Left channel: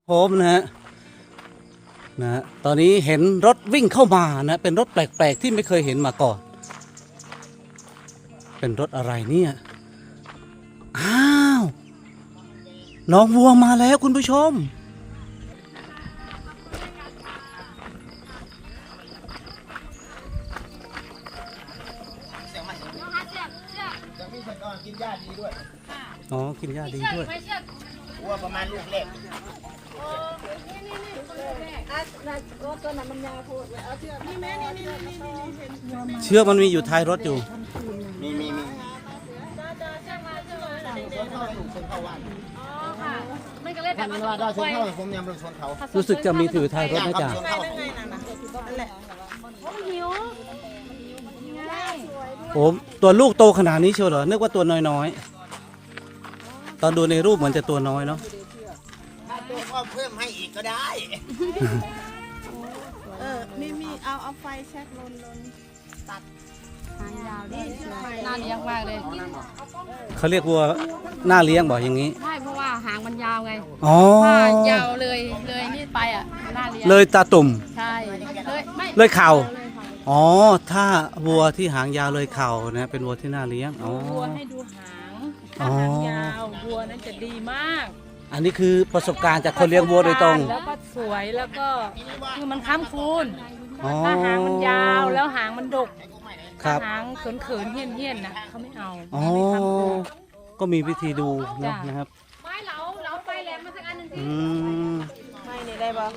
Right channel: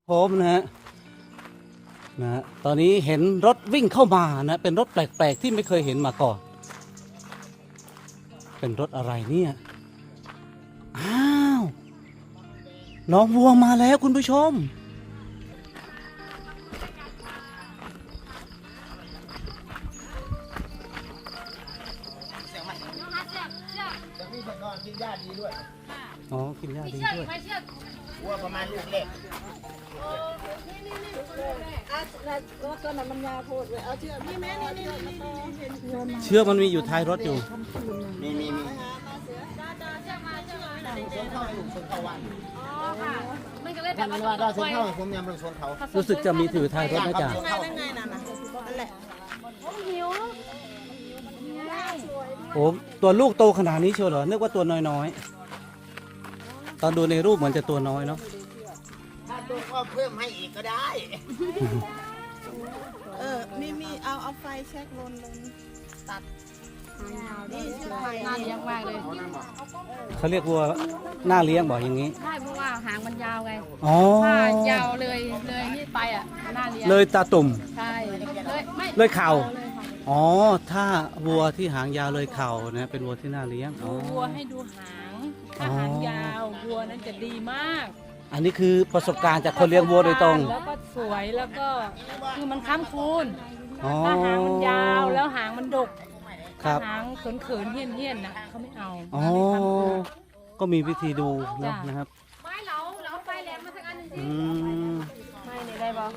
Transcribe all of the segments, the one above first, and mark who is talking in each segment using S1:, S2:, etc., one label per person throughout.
S1: ผมนะตอนนี้เห็นรถวิ่งเข้ามานะเป็นรถแปลกๆที่ไม่เคยเห็นมาก่อนเป็นรถอะไรเนี่ยอ้าวน้องวัวมาแล้วคุณผู้ชม
S2: กินหญ้าดีด้วย
S1: อ๋อกินหญ้าดีด้วย
S2: วัวประมาณลูกเล็ก
S1: เชือกมันมีอยู่ท้ายรถอยู่
S2: มีชนเข้าลูกชนเข้าวันท่านว่าได้ชนเข้าผมยังไม่ชนเขา
S1: รู้สึกจะมีถือท้ายรถนะจ๊ะผมตัวลูกโตขนาดนี้เชียวเหรอนึกว่าตัวน้อยๆตอนดูในรูปเหมือนจะตัวน้อยเนาะ
S2: ถ้าตัวก็เพิ่มให้อีกก็ได้
S3: มีเอาไฟแช็กลนตัดหางยาวนี่น่าเลี้ยงมากเลย
S1: เขาเรียกวัวหน้าเลี้ยงบอกอย่างนี้
S3: ไม่เพราะว่าหางมันยาวไง
S1: อ๋อ
S3: ถ้ายาวเลยนี่ไปอ่ะน่าเลี้ยง
S1: เลยตาตุ่ม
S3: ใช่เลยไม่
S1: เลยเข่าอ๋อถ้าวัวที่หางยาวเลยเข่านะเป็นวัวที่น่าเลี้ยงอ๋อ
S3: วัวให้ดูหางถ้าหางยาววัวนั้นจะดีมาก
S1: อันนี้คือประสบการณ์จากคนเลี้ยงวัวโดยตรง
S3: แล้วก็สวยแล้วก็คือมันค้ำคูณ
S1: อ๋อ
S3: ถ้าหางมันยาวแล้วหางมันดก
S1: ครับ
S3: ถ้าหางเขินเฮี้ยนนะเขาไม่เอา
S1: อ๋อ
S3: ไม่ค้ำคูณ
S1: ก็มีวิธีดูเนอะ
S3: จ้ะ
S1: นะครับ
S3: ไม่เราไฟแหลมมาสักอันหนึ่ง
S1: อืม
S3: ไม่นี่ได้ปะ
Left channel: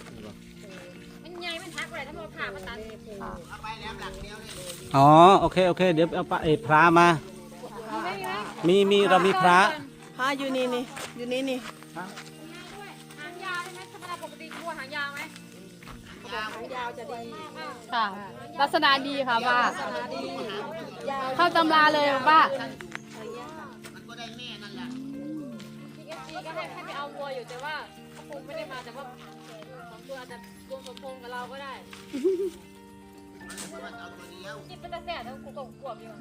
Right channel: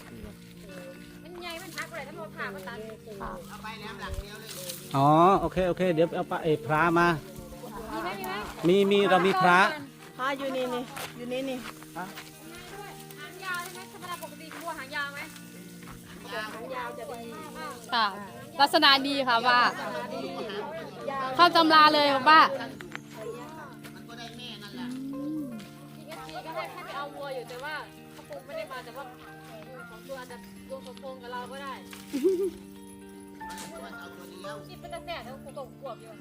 S2: เอาไปแหลมหลังเดียวเลย
S1: อ๋อโอเคเดี๋ยวเอาปลาพระมา
S3: มีไหม
S1: มีเรามีพระ
S3: พาอยู่นี่อยู่นี่
S4: หางยาวใช่ไหมธรรมดาปกติวัวหางยาวไหม
S3: ค่ะลักษณะดีค่ะว่าเข้าตำราเลยว่า
S2: มันก็ได้แม่นั่นแหละ
S4: พีเอสจีก็ให้ไปเอาวัวอยู่แต่ว่าเขาคงไม่ได้มาแต่ว่าของตัวอาจจะรวมสมพงษ์กับเราก็ได้
S2: มันเอาตัวเดียว
S4: นี่เป็นแต่แล้วกูก็กวบอยู่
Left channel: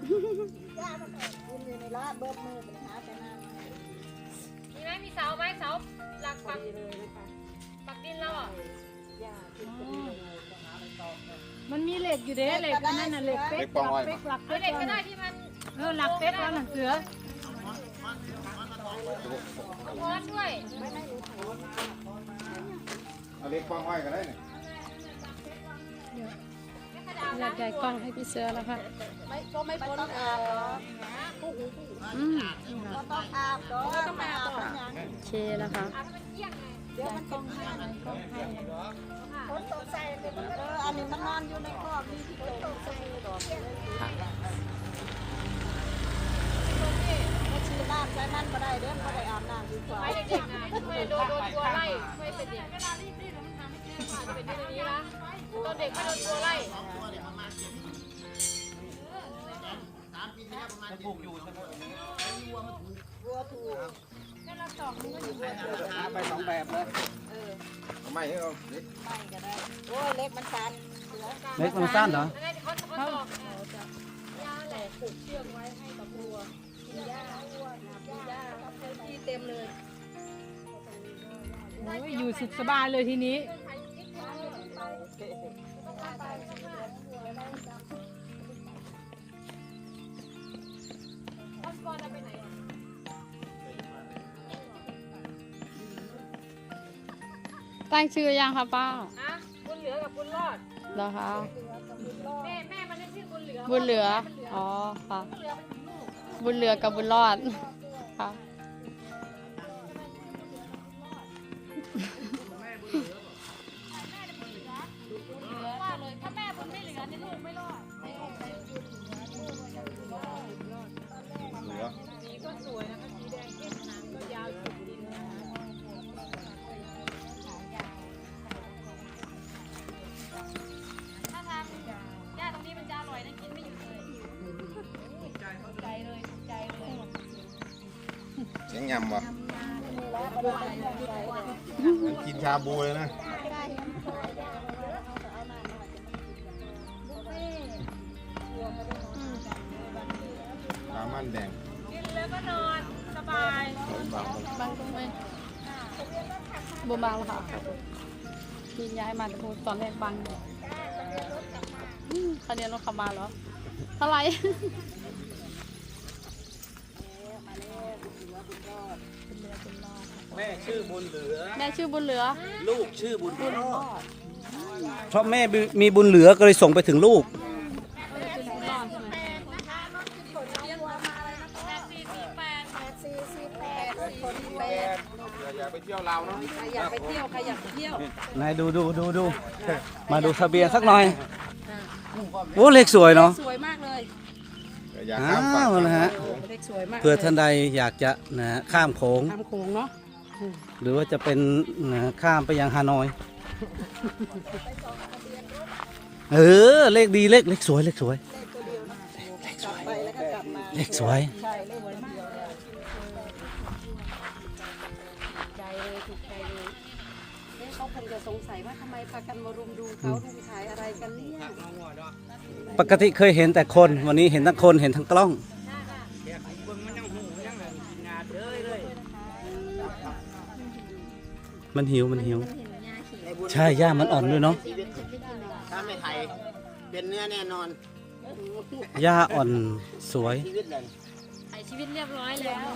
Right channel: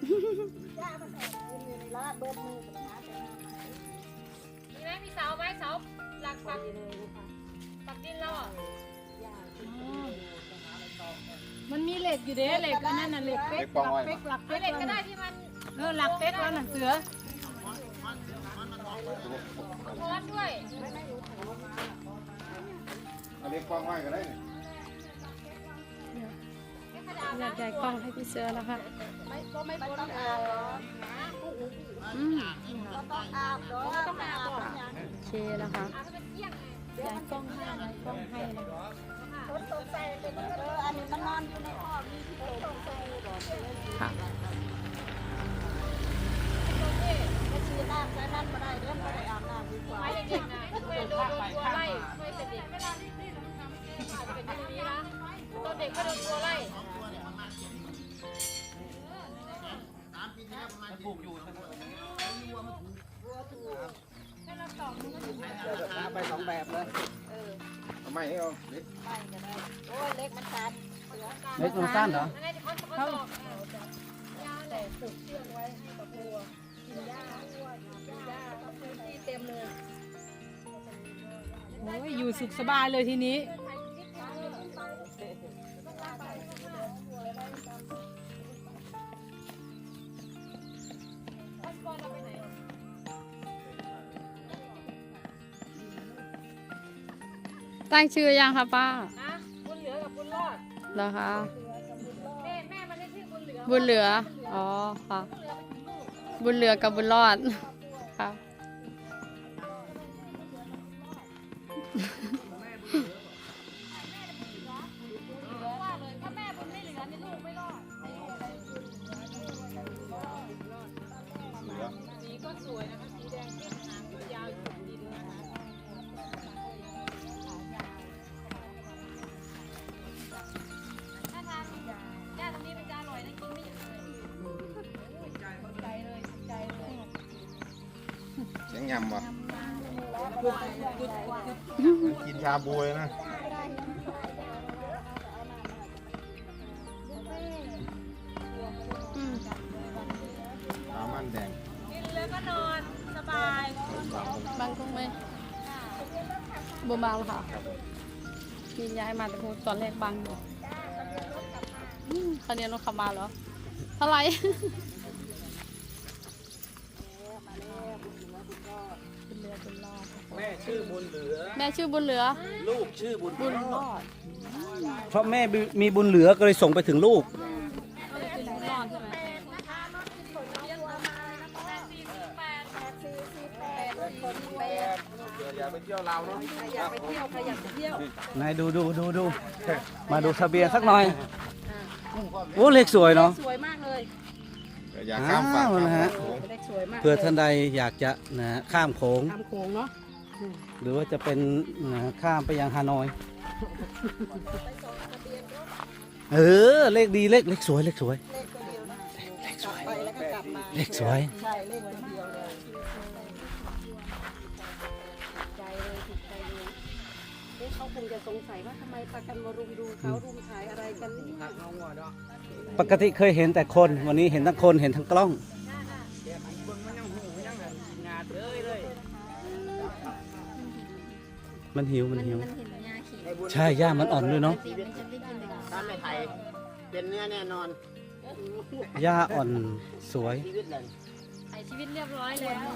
S4: มีไหมมีเสาไหมเสาหลักปักดินเราอ่ะ
S3: มันมีเหล็กอยู่เด้เหล็กอันนั้นน่ะเหล็กเป๊กหลัก
S4: เอาเหล็กก็ได้ที่มัน
S3: หลักเป๊กมันเสือ
S4: เอาค้อนด้วย
S2: เล็กกว้างไว้กันได้
S4: ไม่ขนาด
S3: อยากใหญ่กล้องให้พี่เสือแล้วค่ะโอเคแล้วค่ะ
S4: อาจจะเป็นเกี้ยงไง
S3: ใหญ่กล้องให้ใหญ่กล้องให้นะ
S4: สมัยเด็กๆนะไม่โดนตัวไล่ไม่เป็นเด็กอาจจะเป็นที่นี้นะตอนเด็กไม่โดนตัวไล่
S2: ไปสองแบบเลยไม่เอาเล็ก
S1: เล็กมันสั้นเหรอ
S4: ยังไงจะค้อนตอกยาแหละผูกเชือกไว้ให้กับวัว
S3: อยู่สุขสบายเลยทีนี้
S4: ท่านบอลเอาไปไหน
S3: ตั้งชื่อยังคะป้า
S4: ฮะบุญเหลือกับบุญรอด
S3: เหรอคะ
S4: แม่มันได้ชื่อบุญเหลือ
S3: บุญเหลืออ๋อค่ะบุญเหลือกับบุญรอดค่ะ
S4: ถ้าแม่บุญไม่เหลือนี่ลูกไม่รอดสีก็สวยนะคะสีแดงเข้มหางก็ยาวสุดดินถ้าทางย่าตรงนี้มันจะอร่อยนะกินไม่หยุดเลยใจเลยใจเลย
S2: เสียงยำวะกินชาบูเลยนะปลามันแดง
S3: มันคงไม่บัวบางค่ะกินย้ายมาแต่ผมตอนแรกบางอยู่คันนี้น้องขับมาเหรออะไร
S1: แม่ชื่อบุญเหลือ
S3: แม่ชื่อบุญเหลือ
S1: ลูกชื่อบุญรอดเพราะแม่มีบุญเหลือก็เลยส่งไปถึงลูก
S2: อย่าไปเที่ยวเราเนาะ
S3: อยากไปเที่ยวใครอยากไปเที่ยวน
S1: ายดูมาดูทะเบียนสักหน่อยโอ้เลขสวยเนาะ
S3: สวยมากเลย
S2: อย่า
S1: อ้
S2: ข้ามฝั่ง
S1: าวนะฮะ
S3: เด็กสวยมาก
S1: เผื่อท่านใดอยากจะนะฮะข้ามโขง
S3: ทำโขงเนาะ
S1: หรือว่าจะเป็นนะฮะข้ามไปยังฮานอยเลขดีเลขสวยเลขสวย
S3: เขาคงจะสงสัยว่าทำไมประกันมารุมดูเขาดูขายอะไรกันเนี่ย
S1: ปกติเคยเห็นแต่คนวันนี้เห็นทั้งคนเห็นทั้งกล้อง มันหิวใช่ย่ามันอ่อนด้วยเนาะ
S2: ถ้าไม่ไทยเป็นเนื้อแน่นอน
S1: ย่าอ่อนสวย
S2: ชีวิตเลย
S4: ไอชีวิตเรียบร้อยแล้ว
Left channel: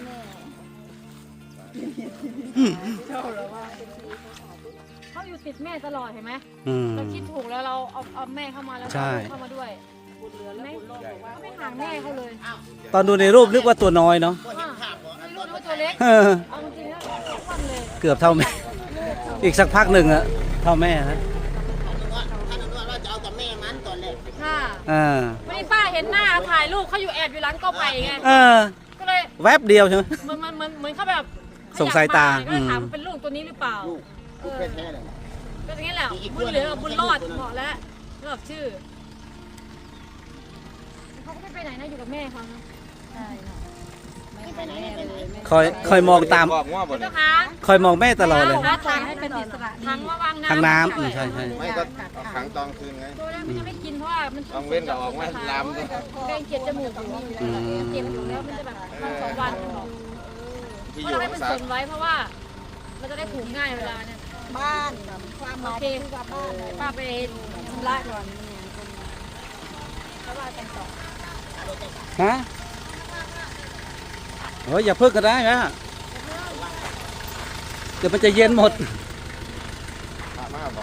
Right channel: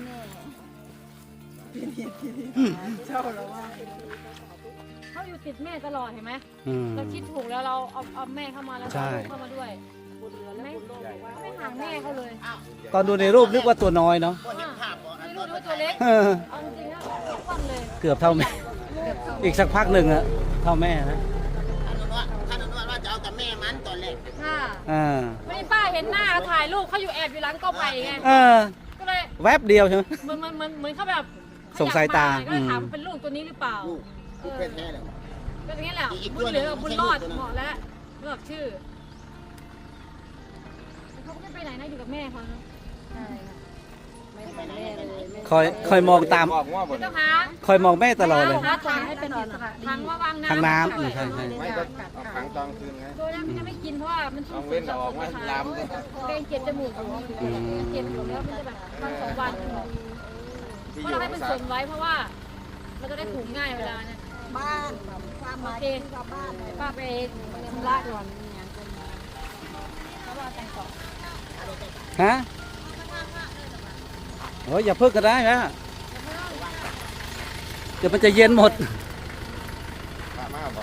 S4: เขาอยู่ติดแม่ตลอดเห็นไหม
S1: อืม
S4: เราคิดถูกแล้วเราเอาแม่เข้ามาแล้ว
S1: ใช่
S4: เอาลูกเข้ามาด้วยเห็นไหมเขาไม่ห่างแม่เขาเลย
S1: ตอนดูในรูปนึกว่าตัวน้อยเนาะ
S2: ก็เห็นภาพบ่
S4: ไม่รู้ว่าตัวเล็กเอาจริงๆแล้วทุกวันเลย
S1: เกือบเท่าแม่ อีกสักพักหนึ่งอะเท่าแม่นะ
S2: ท่านอนุวัฒน์ว่าจะเอาแต่แม่มันตอนแรก
S4: ค่ะ
S1: อ่า
S4: ไม่ป้าเห็นหน้าถ่ายรูปเขาอยู่แอบอยู่ร้านก็ไปไง ก็เลย
S1: แวบเดียวใช่ไหม
S4: เหมือนเขาแบบ
S1: ส่งสายตา
S4: ก็เลยถามเป็นลูกตัวนี้หรือเปล่า
S2: ลูกแท้ๆเลย
S4: ก็อย่างนี้แหละ
S2: อีก
S4: บุ
S2: ตั
S4: ญ
S2: ว
S4: เห
S2: หนึ่
S4: ลื
S2: ง
S4: อบุญรอดเหมาะแล้วเลือกชื่อเขาก็ไม่ไปไหนนะอยู่กับแม่เขาเนาะ
S2: ไปไหนไปไหน
S1: คอยมองตาม
S4: ไม่ต้องหา
S1: คอยมองแม่ตลอดเลย
S4: หาทางให้เป็นอิสระทางว่าวางน้ำ
S1: ทางน้ำใช่
S2: ไม่ก็ขังตอนคืนไง
S4: ตัวนั้นมันจะไม่กินเพราะว่ามัน
S2: ลองเว้นก็ออกมาลามดิ
S4: เป็นเจ็บจมูกอยู่เจ็บอยู่แล้วมันจะแบบวันสองวันบอก
S2: ที่อ
S4: เพราะ
S2: ยู่
S4: เราให้เป็น
S2: สา
S4: ส่วนไว้เพราะว่าเราจะได้ผูกง่ายเวลาเนี่ย
S3: บ้านความห
S4: โอ
S3: มาย
S4: เคป้าไปทำละก่อนแล้วว่าแต่งต่อ
S1: ฮะโอ้ยอย่าเพิ่งก็ได้นะเดี๋ยวมันจะเย็นหมด
S2: พามากบ่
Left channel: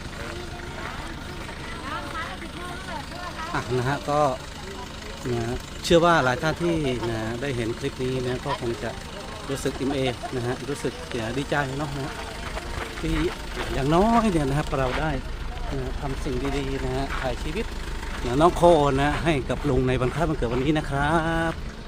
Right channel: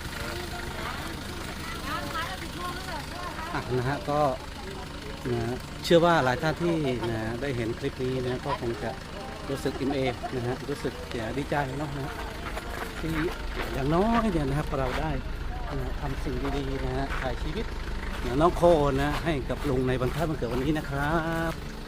S1: นะฮะก็นะเชื่อว่าหลายท่านที่นะได้เห็นคลิปนี้นะก็คงจะรู้สึกอิ่มเอมนะฮะรู้สึกดีใจเนาะนะที่อย่างน้อยเนี่ยนะครับเราได้นะทำสิ่งดีๆนะฮะถ่ายชีวิตน้องโคนะให้กับลุงในวันคล้ายวันเกิดวันนี้นะครับ